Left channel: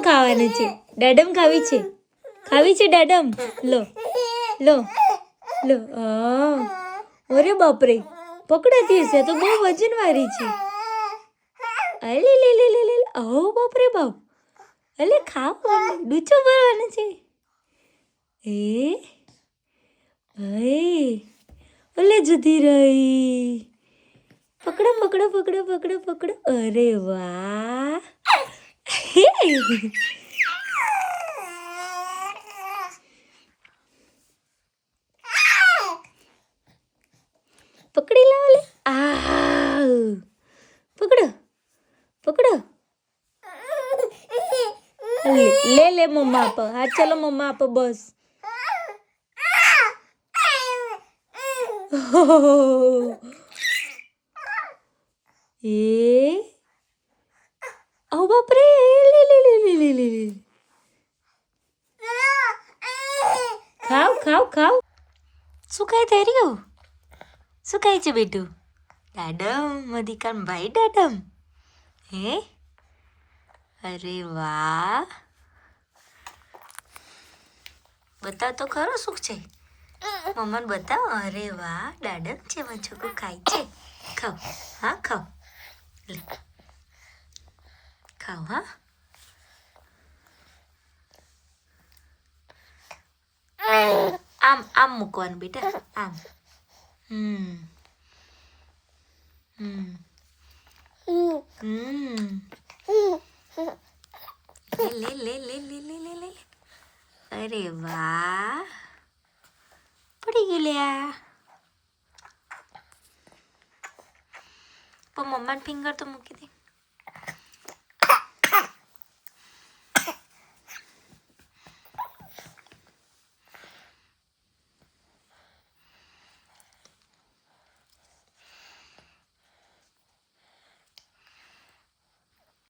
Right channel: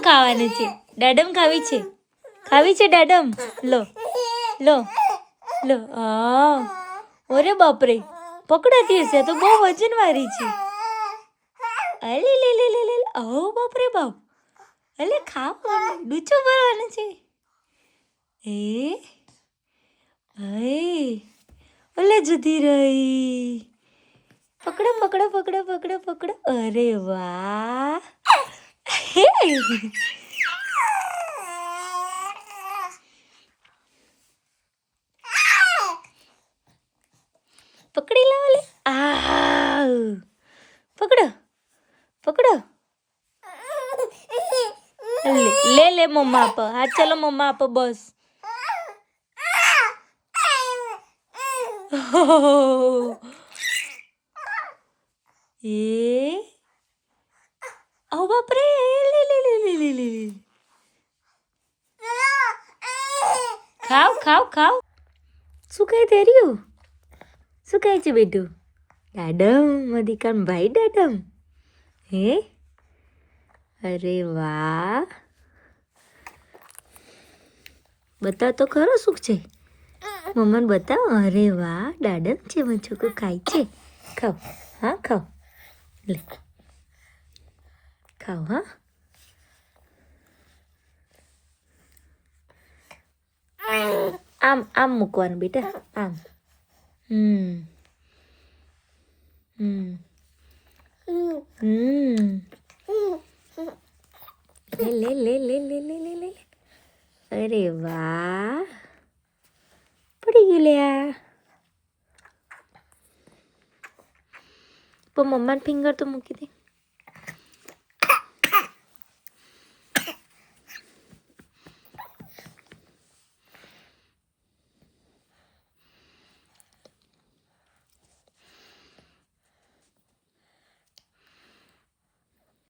શું ખાવાનું છે? દાડમ ખાવી છે? ખાવી છે દાડમ? લો લો લો. હા, અરે બાપરે, પકડાતી હશે તો બહુ વજન વાળી છે. અલે લે લે લે લે. ઓ બાપરે બાપ. અલે ખાવ, ડૂચો ભરવાનો છે. એ અલે જતી રહી. પકડો પકડો પકડો પકડો પકડો. અરે વાહ. પકડી લાવો લે. આ પકડો પકડો. લે લે મમ્મા આપો. હા ચલો મમ્મા આપો બસ. એ ઓ બાપરે. લે લે લે લે લે લે. ખાવ ખાવ ખાવ. શું ખાઈ થઈ રહ્યું? શું ખાય છે બેટું? દાડમ. મધિકાન ભાઈ દાડમ. હે અરે વાહ. બતાવ તો ખરો શું છે? મમ્માને બતાવ. અરે વાહ, દાડમ છે. મારું છોકરું ખાય છે. ખાવ. હા ખાવ. લે ખાવ. હા આમ આમ મૂકવાનું બેટા. આમ. હમ હમ હમ. લે લે લે લે લે લે લે. અરે વાહ, પડી ગયું લે આ. પણ મમ્માને ફિંગર તો મૂકી દે.